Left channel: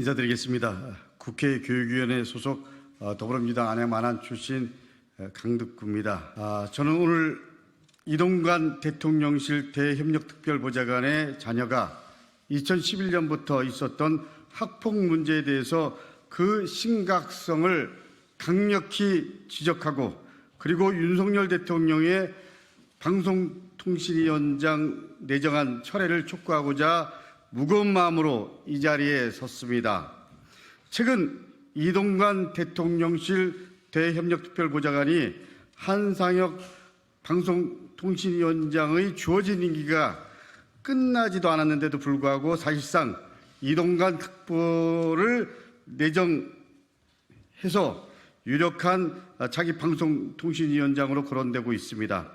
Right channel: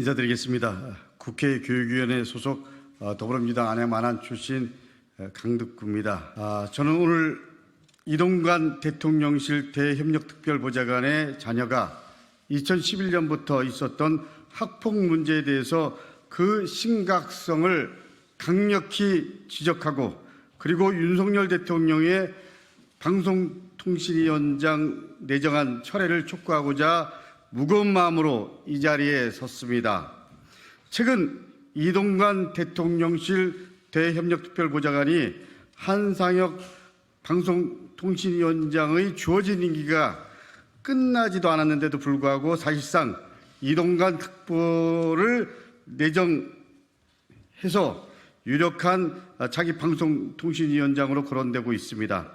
인사드리겠습니다. 국회 교육위원회 소속 더불어민주당 안양만안 출신 강덕구입니다. 저는 오늘 이동관 대통령실 대협력특별보좌관의 자녀가 2011년부터 있었던 학폭 문제에 대해서 그 심각성을 강력히 지적하고, 그리고 윤석열 대통령의 방송통신위원장 내정안 철회를 촉구하고자 무거운 마음으로 이 자리에 섰습니다. 최근 이동관 대통령실 대협력특별보좌관이 한상혁 방송통신위원장의 주어진 임기가 끝나지도 않았는데도 불구하고 사실상 이동관 특보를 내정해서 유력한 차기 방송통신위원장으로 거론되고 있습니다.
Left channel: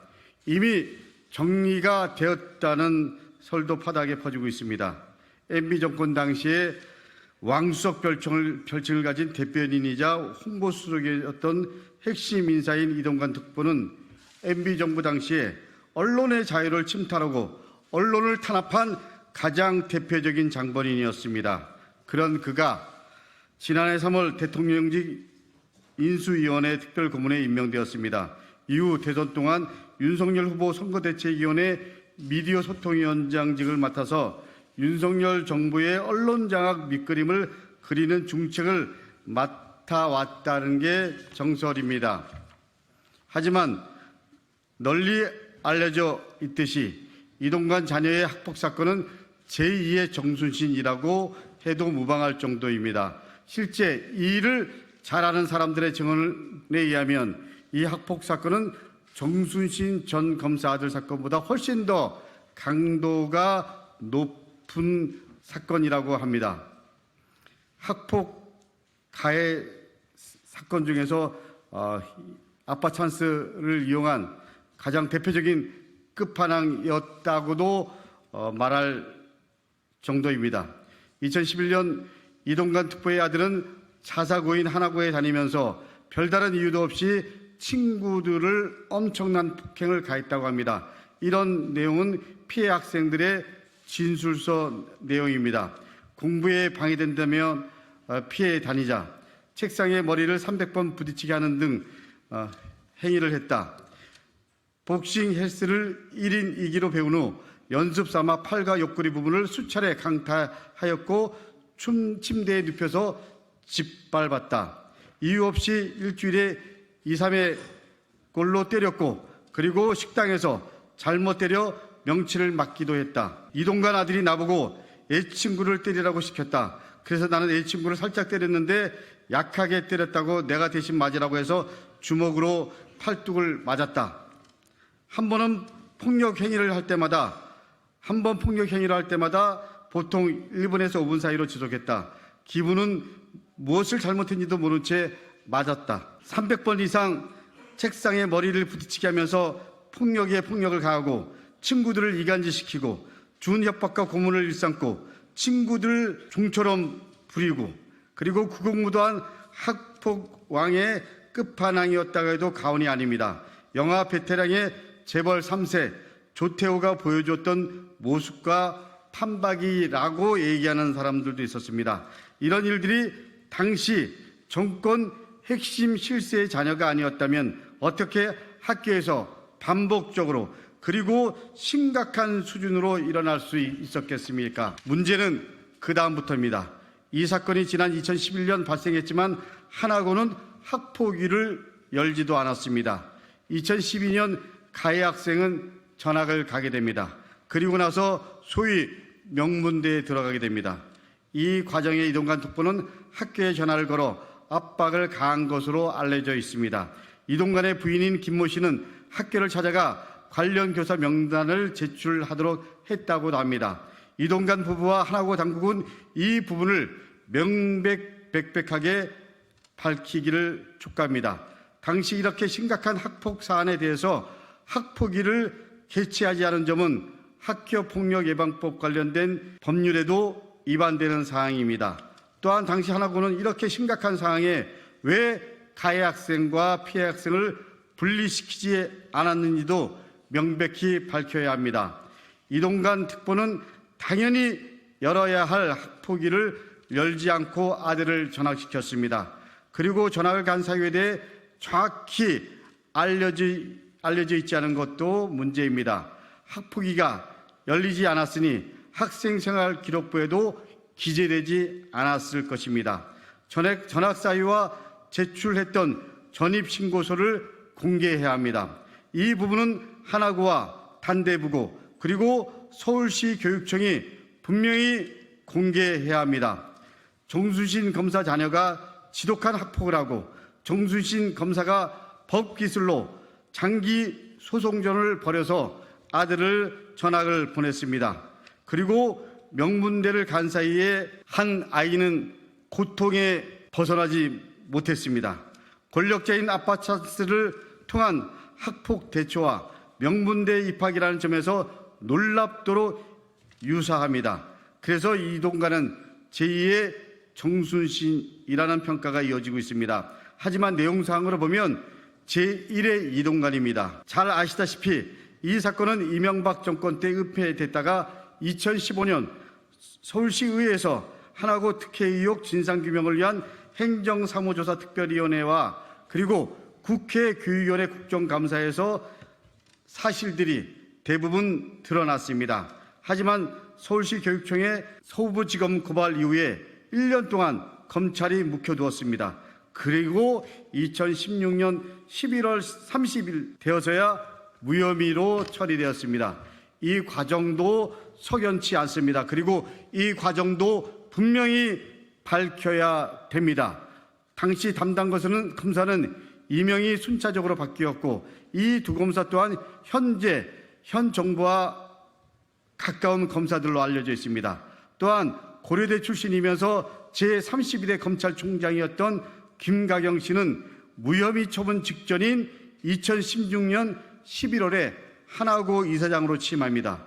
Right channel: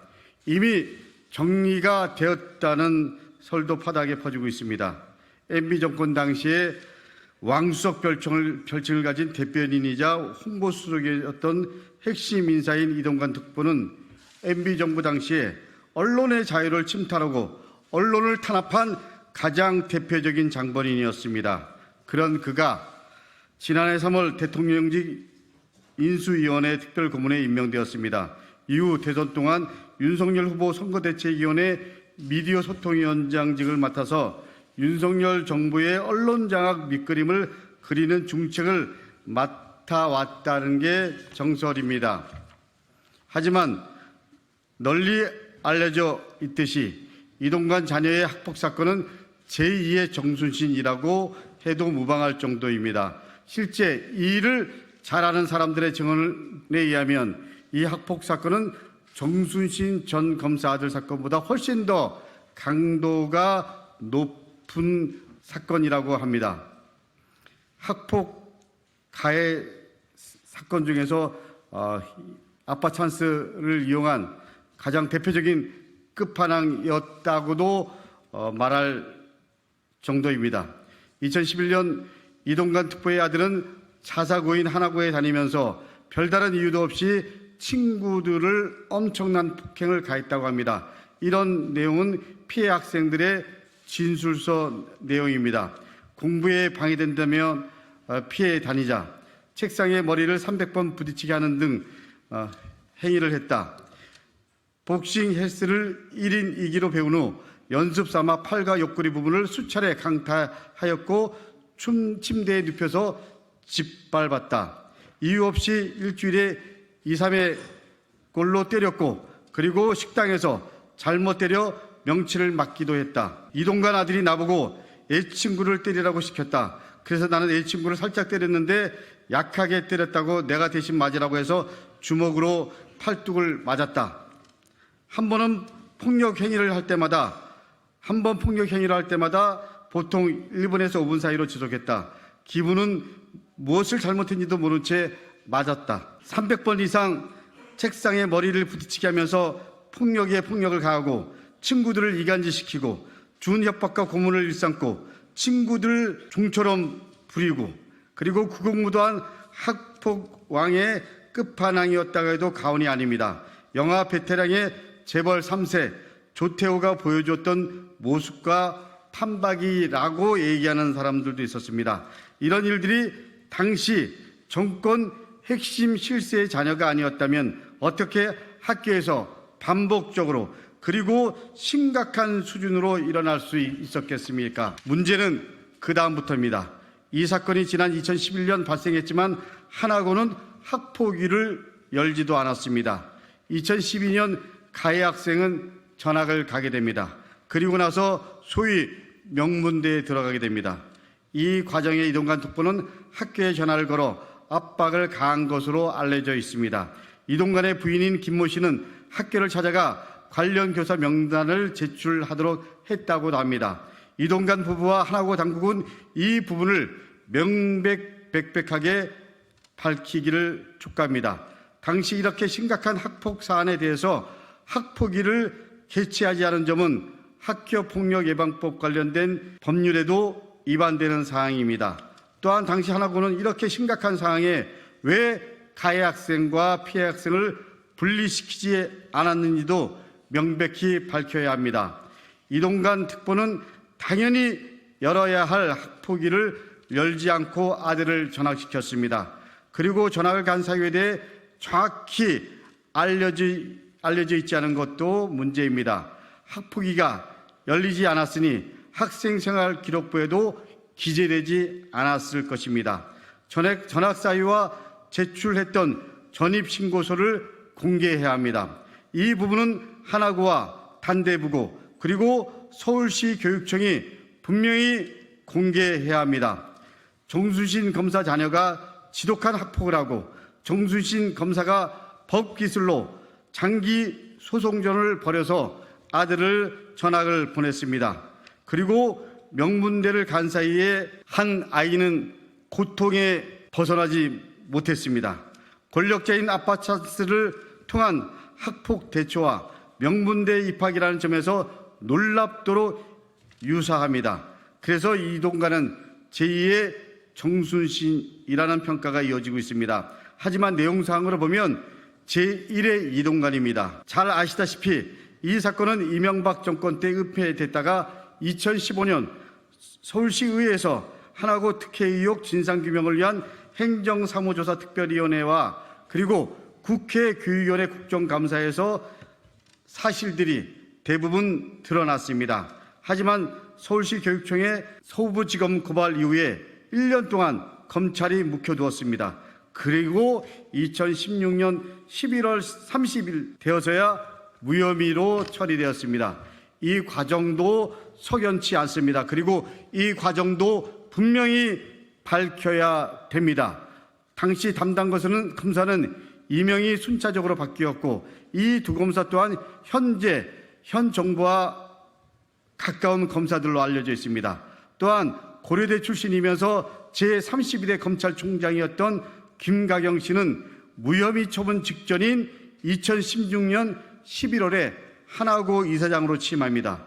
이미 정리가 되었다는 설도 파다하게 퍼지고 있습니다. MB정권 당시에 왕수석 별칭을 가진 대변인이자 홍보수석이었던 핵심 인사인 이동관 특보는 MB정부 당시에 언론의 자유를 침탈하고 언론을 탄압한 가장 대표적인 장본인이었습니다. 그런 그가 지난해 3월 대통령직 인수위원회 특별고문에 임명되었습니다. 이후 대선 동안 윤석열 후보 선거대책위원회 미디어 소통위원장직을 맡아서 윤석열 정부의 언론장악 밑그림을 그리는 중책을 맡아왔다는 게 정설입니다. 하지만 널리 알려져 있듯이 이동관 자녀의 학폭 사건은 제2의 정순신이라고 해도 무방할 정도입니다. 실제 이 일을 잘 아는 사람들의 증언에 의하면 이 학폭 사건은 정순신 전 검사 아들 사건보다 훨씬 더 강도가 높은 사건이라고 합니다. 학폭 가해 사건 중에서 아빠 찬스를 이용한 가장 대표적인 끝판왕이었다고도 말할 정도입니다. 2011년 이동관 특보의 아들은 자사고인 하나고에 다니면서 별다른 이유도 없이 친구들을 엄청난 폭행을 가했다고 합니다. 이런 내용은 피해 학생들의 진술서 내용입니다. 공부에 방해된다며 피해 다니자 책상에 머리를 300번 부딪히게 하는 등 행위를 했다. 복싱 헬스를 1인 2기로 배운 후 연습 삼아 팔과 옆구리 부분을 수차례 강타하였고 침대에 눕혀서 짓밟았다. 이유 없이 일주일에 2, 3회 골로 때렸고, 그리고 식당에서 잘못 때려 명치를 맞기도 했다. 이동관 아들이 나보고 애친구를 때리라고 시켰다. 그래서 나는 애친구를 살짝 때렸는데 약하게 때렸다고 내가 대신 맞으라고 해서 주먹으로 팔뚝을 맞았다. 한 번 폭력 행위를 할 때마다 보통 1분에서 5분 사이로 지속했다. 기분은 무엇을 잘못했는지도 모른 채 맞았다. 300번 이상 책상에 머리를 부딪히게 하면서 폭력에 폭력을 가하고 친구들을 이간질시키고 준 협박과 고문을 일삼고 친구들을 종처럼 부리고, 그리고 구국무도한 학폭 왕의 끝판왕이었다고 해도 과언이 아닙니다. 영화 베테랑의 재벌 3세 조태호가 보여줬던 모습과 판박이라고 얘기하는 사람들도 있었습니다. 이런 일들이 당시 정권 핵심 실세의 자녀가 아니었다면 어떻게 학교에서 반복적으로 그리고 심각한 수준으로 일어날 수 있었겠습니까? 문제는 그 다음부터입니다. 이 사건이 지난 2011년 발생했지만 하나고는 학폭위를 열지도 않았습니다. 2012년 가해 학생은 전학을 가게 됩니다. 그리고 나서 소위 명문대에 들어가게 됩니다. 이 과정에 이동관 특보는 학교에 전화를 걸어 압박을 가한 것으로 알려져 있습니다. 이동관의 부인인 김모 씨는 학교를 찾아가 관련 교사 명단을 제출하도록 했다고도 합니다. 이동관 부부와 하나고 당국은 이 부분을 명백백백하게 밝히기를 촉구합니다. 당시 이렇게 심각한 학폭 사안에 대해서 학폭위를 개최하지 않은 점은 학교폭력예방법 관련된 법률에도 위반되는 사항입니다. 또한 당시 하나고는 이렇게 심각한 상황에 왜 가해 학생과 피해 학생을 분리시키지 않았는지도 명백히 밝혀야 합니다. 이동관 특보는 당연히 열어야 할 학폭위를 열지 않고 아들을 전학시켰습니다. 그리고 전학을 간 사유에 대해 정확히 알려져 있지 않은 것도 문제입니다. 학폭위가 열리지 않았으니 학생생활 기록부에도 기재되지 않았을 것입니다. 전학 사유와 제출했던 전입신고서를 공개해야 합니다. 이 부분은 하나구와 단대부고 그리고 서울시 교육청이 분명히 공개해야 합니다. 정순신 검사 자녀가 지독한 학폭을 하고 정순신 검사가 법기술로 장기 소송전을 벌여서 아들을 전학을 보냈습니다. 그리고 명문대를 간 사이에 한 아이는 고통에 벗어나지 못했습니다. 권력자인 아빠 찬스를 통한 학폭 대처와 명문대 입학이라는 점에서 놀랍도록 유사합니다. 그래서 이동관은 제2의 정순신이라는 평가가 이어지고 있습니다. 하지만 내용상으로 보면 제1의 이동관입니다. 잘 아시다시피 이 사건은 이명박 정권 때 은폐됐다가 2015년 서울시의회에서 하나고 특혜 의혹 진상규명을 위한 행정사무조사 특별위원회와 그리고 국회 교육위원회 국정감사에서 사실들이 대부분 드러났습니다. 하지만 서울시 교육청의 서부지검 고발 이후에 1년 동안 검찰이 묵혀두었습니다. 그리고 2016년 11월 30일 되어서야 무혐의로 처리되었습니다. 이 과정도 석연치 않습니다. 그리고 이 과정도 분명히 밝혀야 됩니다. 당시 담당 검사는 이명이 순차적으로 바뀌었고 이 두 검사 또한 현 정부와 가까운 검사들로 알려져 있습니다. 또한 고려대 출신이면서 제31대 검찰총장이었던 김가경 씨는 무혐의 처분 직전인 2016년 11월에 하나고 이사장으로 취임합니다.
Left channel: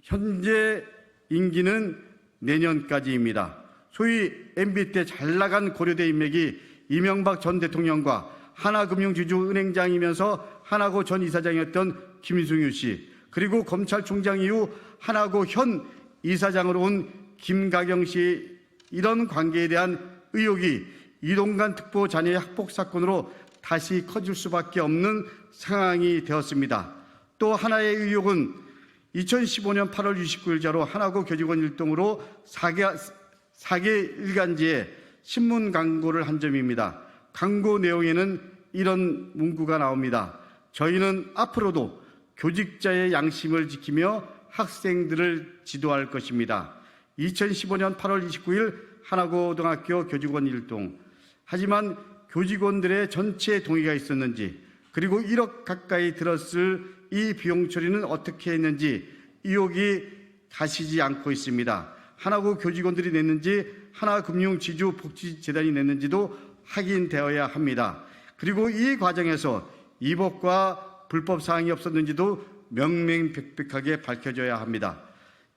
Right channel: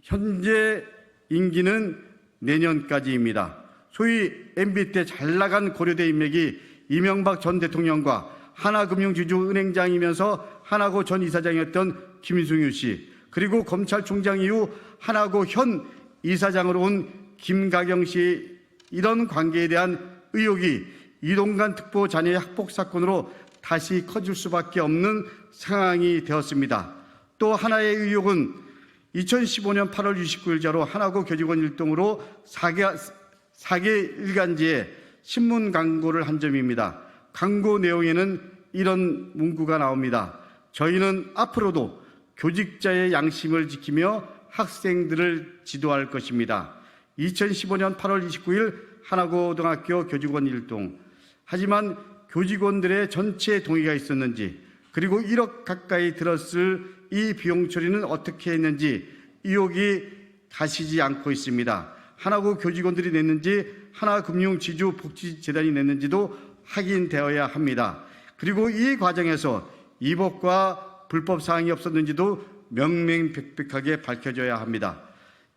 현재 임기는 내년까지입니다. 소위 MB 때 잘나간 고려대 인맥이 이명박 전 대통령과 하나금융지주은행장이면서 하나고 전 이사장이었던 김승유 씨, 그리고 검찰총장 이후 하나고 현 이사장으로 온 김가경 씨, 이런 관계에 대한 의혹이 이동관 특보 자녀의 학폭 사건으로 다시 커질 수밖에 없는 상황이 되었습니다. 또 하나의 의혹은 2015년 8월 29일자로 하나고 교직원 일동으로 4개 일간지에 신문 광고를 한 점입니다. 광고 내용에는 이런 문구가 나옵니다. 저희는 앞으로도 교직자의 양심을 지키며 학생들을 지도할 것입니다. 2015년 8월 29일 하나고등학교 교직원 일동. 하지만 교직원들의 전체 동의가 있었는지, 그리고 1억 가까이 들었을 이 비용 처리는 어떻게 했는지 의혹이 가시지 않고 있습니다. 하나고 교직원들이 냈는지 하나금융지주복지재단이 냈는지도 확인되어야 합니다. 그리고 이 과정에서 위법과 불법 사항이 없었는지도 명명백백하게 밝혀져야 합니다.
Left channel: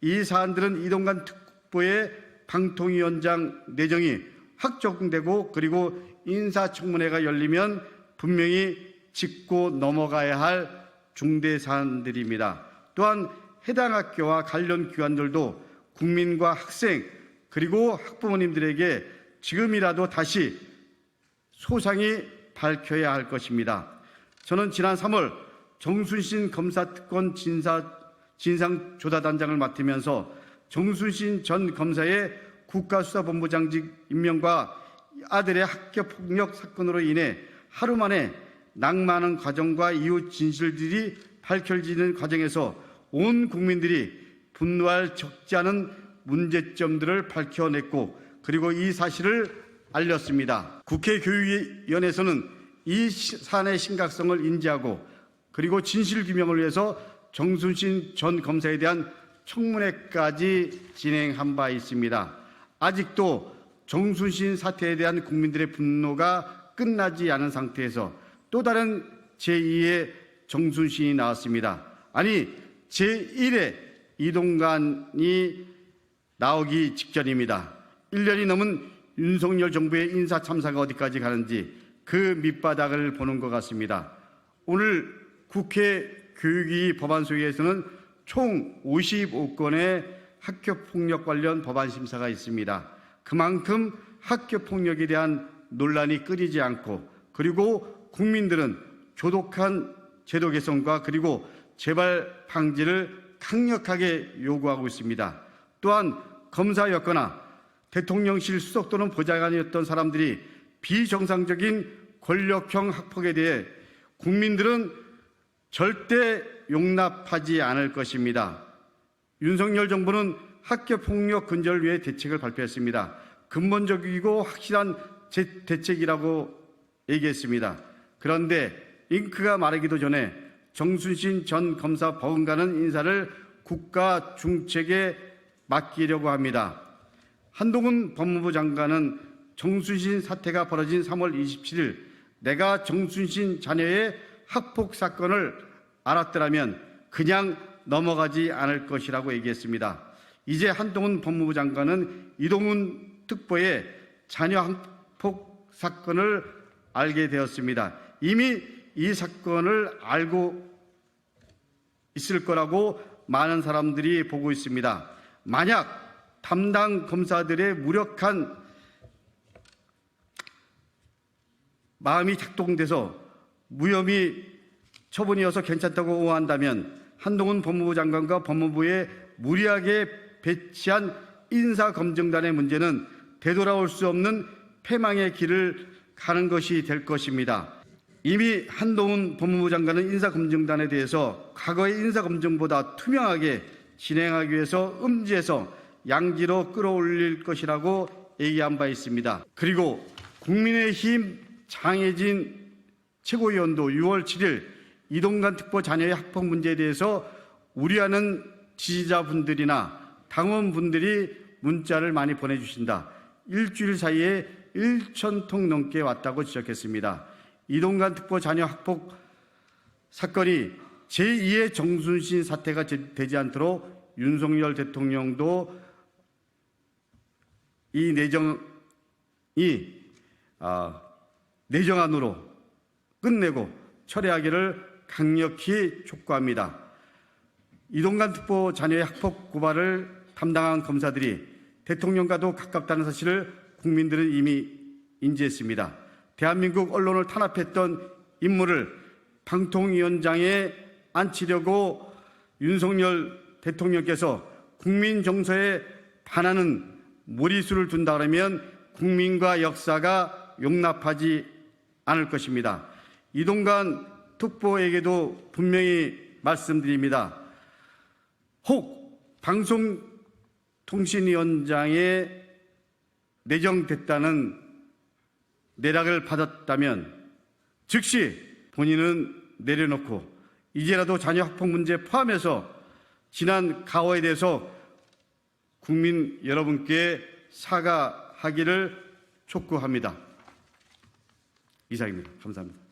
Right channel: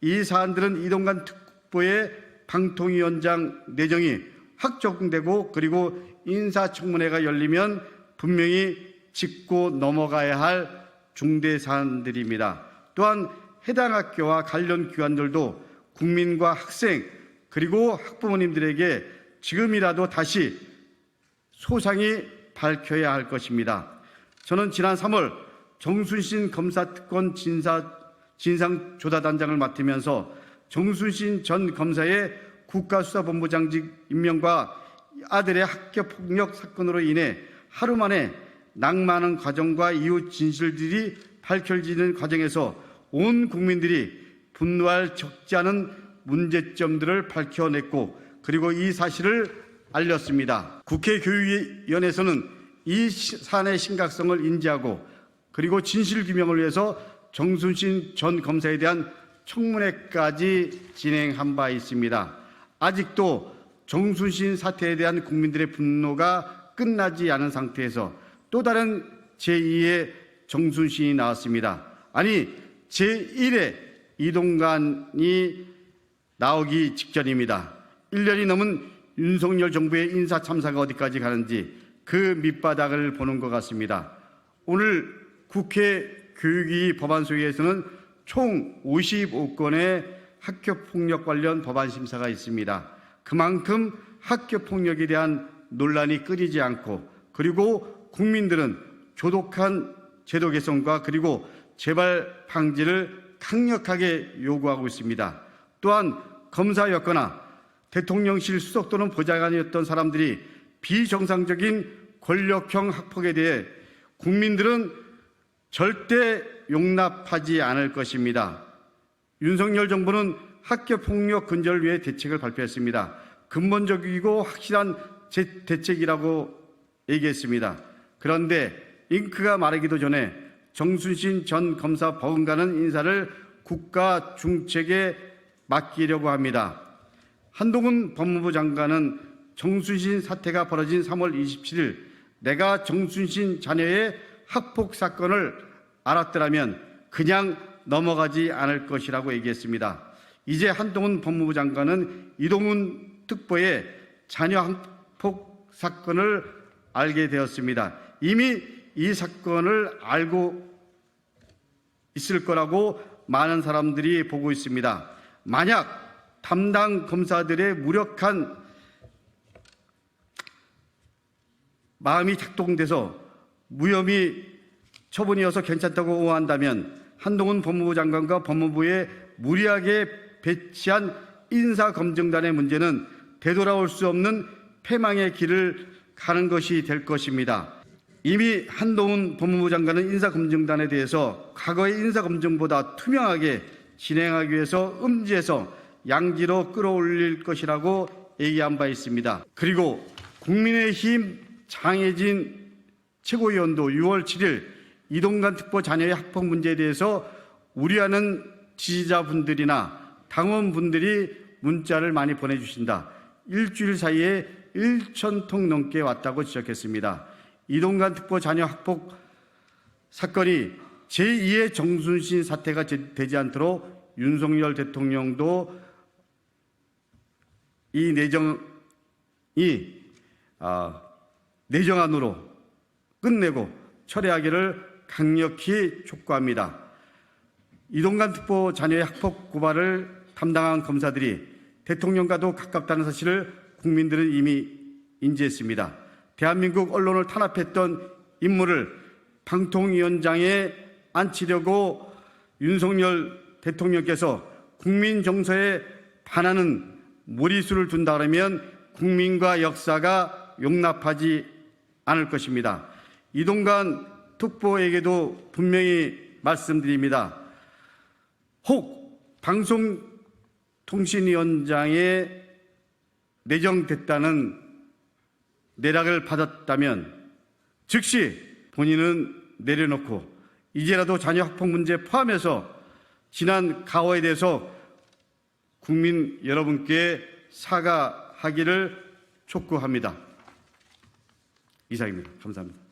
이 사안들은 이동관 특보의 방통위원장 내정이 확정되고 그리고 인사청문회가 열리면 분명히 짚고 넘어가야 할 중대 사안들입니다. 또한 해당 학교와 관련 기관들도 국민과 학생 그리고 학부모님들에게 지금이라도 다시 소상히 밝혀야 할 것입니다. 저는 지난 3월 정순신 검사특권 진상조사단장을 맡으면서 정순신 전 검사의 국가수사본부장직 임명과 아들의 학교폭력 사건으로 인해 하루 만에 낭만한 과정과 이후 진실들이 밝혀지는 과정에서 온 국민들이 분노할 적지 않은 문제점들을 밝혀냈고 그리고 이 사실을 알렸습니다. 국회 교육위원회에서는 이 사안의 심각성을 인지하고 그리고 진실규명을 위해서 정순신 전 검사에 대한 청문회까지 진행한 바 있습니다. 아직도 정순신 사태에 대한 국민들의 분노가 끝나지 않은 상태에서 또 다른 제2의 정순신이 나왔습니다. 아니 제1의 이동관이 나오기 직전입니다. 1년이 넘은 윤석열 정부의 인사 참사가 어디까지 가는지 그 밑바닥을 보는 것 같습니다. 오늘 국회 교육위 법안소위에서는 총 55건의 학교폭력 관련 법안 심사가 있습니다. 그만큼 학교폭력에 대한 논란이 끊이지 않고 그리고 국민들은 조독한 제도 개선과 그리고 재발 방지를 강력하게 요구하고 있습니다. 또한 검사였거나 대통령실 수석 또는 보좌관이었던 사람들이 비정상적인 권력형 학폭에 대해 국민들은 절대 용납하지 않을 것입니다. 윤석열 정부는 학교폭력 근절을 위해 대책을 발표했습니다. 근본적이고 확실한 대책이라고 얘기했습니다. 그런데 잉크가 마르기도 전에 정순신 전 검사 버금가는 인사를 국가 중책에 맡기려고 합니다. 한동훈 법무부 장관은 정순신 사태가 벌어진 3월 27일 내가 정순신 자녀의 학폭 사건을 알았더라면 그냥 넘어가지 않을 것이라고 얘기했습니다. 이제 한동훈 법무부 장관은 이동훈 특보의 자녀 학폭 사건을 알게 되었습니다. 이미 이 사건을 알고 있을 거라고 많은 사람들이 보고 있습니다. 만약 담당 검사들의 무력한 마음이 작동돼서 무혐의 처분이어서 괜찮다고 오한다면 한동훈 법무부 장관과 법무부에 무리하게 배치한 인사검증단의 문제는 되돌아올 수 없는 패망의 길을 가는 것이 될 것입니다. 이미 한동훈 법무부 장관은 인사검증단에 대해서 과거의 인사검증보다 투명하게 진행하기 위해서 음지에서 양지로 끌어올릴 것이라고 얘기한 바 있습니다. 그리고 국민의힘 장혜진 최고위원도 6월 7일 이동관 특보 자녀의 학폭 문제에 대해서 우려하는 지지자분들이나 당원분들이 문자를 많이 보내주신다. 일주일 사이에 1,000통 넘게 왔다고 지적했습니다. 이동관 특보 자녀 학폭 사건이 제2의 정순신 사태가 되지 않도록 윤석열 대통령도 이 내정안으로 끝내고 철회하기를 강력히 촉구합니다. 이동관 특보 자녀의 학폭 고발을 담당한 검사들이 대통령과도 가깝다는 사실을 국민들은 이미 인지했습니다. 대한민국 언론을 탄압했던 인물을 방통위원장에 앉히려고 윤석열 대통령께서 국민 정서에 반하는 무리수를 둔다 그러면 국민과 역사가 용납하지 않을 것입니다. 이동관 특보에게도 분명히 말씀드립니다. 혹 방송통신위원장에 내정됐다는 내락을 받았다면 즉시 본인은 내려놓고 이제라도 자녀 학폭 문제 포함해서 지난 가오에 대해서 국민 여러분께 사과하기를 촉구합니다. 이상입니다. 감사합니다.